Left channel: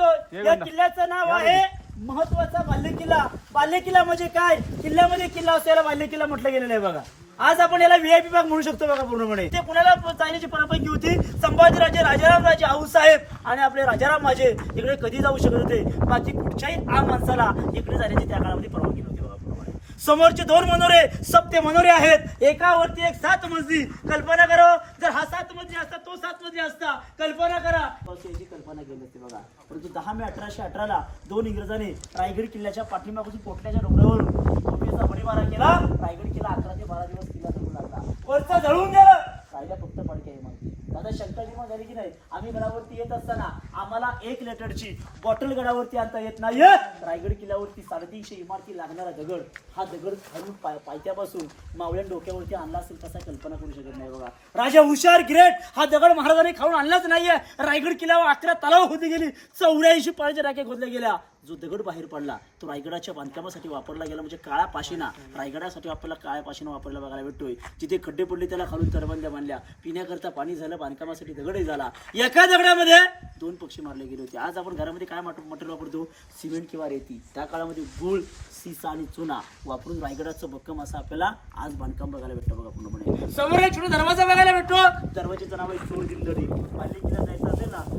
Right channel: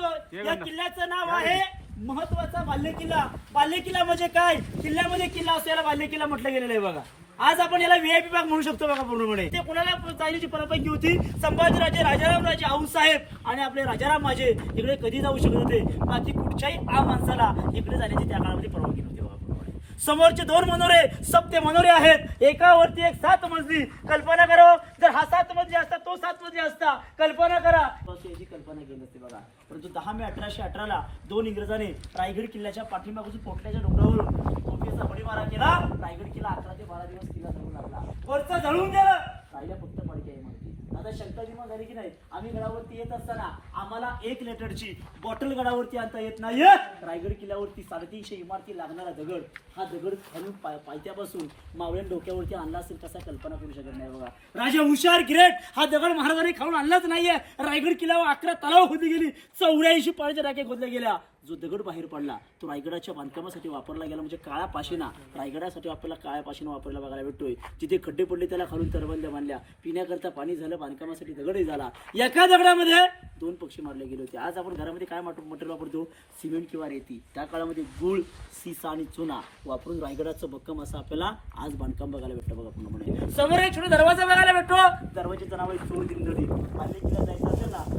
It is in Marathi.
सांगतो. या किल्ल्याचं नाव आहे महत्वाचा बालेकिल्ला. बालेकिल्ला म्हणजे काय? किल्ल्यामध्ये किल्ला असल्याला बालेकिल्ला म्हटलं गेलेलं आहे बघा. आज आपण याला व्हीआयपी भाग म्हणू शकतो बघा पूर्णपणे. ते पुण्याला जाण्याची परवानगी होती. संभाजीराजे, राजारामराजे आऊसाहेब आणि आपले राजाराम माझे इकडे कधी जाऊ शकत होते. बाकी कुठच्याही आम माणसाला इकडे जाण्याची त्या काळामध्ये परवानगी नव्हती बघा. समोरचे 2 मनोरे सप्ते मनोरे आहेत. एकावरती एक 7 मजली. कल्पना करा, जर हा 7 मजली असता, तो 7 मजली असता. कल्पना करा. अशी कल्पना केली होती बघा. परंतु 10 मे 1818 2 इंग्रजांनी रायगड किल्ल्याच्या पाठीमागून पोटल्याच्या डोंगरावरून तोफेचा बडीमारा केला. रायगड किल्ला 11 ते 12 दिवस किल्ला जळू लागला. वरचा जळून गेलं. राहिला फक्त पडके आहे माहिती. दादा शंका निर्माण झाली की नाही? आम्ही गडावरती येत असताना आम्हाला 1 लिटरची बॉटल गडावरती आणता येत नाहीये. रायगड किल्ल्यावरती 350 इमारती लागणारा दगड, हा दगड खालून पायथ्यापासून मावळ्या डोक्यावरती आणला असेल कसा कल्पना करू शकत नाही बघा. राजा हुशार ग्रेट हा दगड महाराजांनी खाऊन आणलाच नाहीये. रायगड किल्ल्यावर 11 तलाव होती गेली. 84 पाण्याच्या टाक्या खोदल्या गेल्या. जो दगड बाहेर पडला तो रायगडाच्या बांधकामासाठी वापरला गेला. म्हणजे काळा पाशिना रायगडासाठी आपल्याला काळ्या पाशिना वापरला बघायला भेटतोय. जिथे खड्डे पडले त्याला खालून तरबंद्या बांधल्या. पिण्याकरता पाणी झालं, बांधकामासाठी दगडही झाला. एका दगडामध्ये 2 पक्षी मारले गेले होते. आज आपण घरामध्ये काय मटेरियल वापरतो? सिमेंट किंवा रेती. त्या काळामध्ये गुळ, सीसा आणि चुना वापरून रायगडाचं भक्कम असं आपल्याला आज बांधकाम बघायला भेटतं बघा पूर्णपणे. समोर एक छोटा दरवाजा बघायला भेटतो. दरवाजाचं नाव आहे सिंहगड. बालेकिल्ला जायचं असेल ना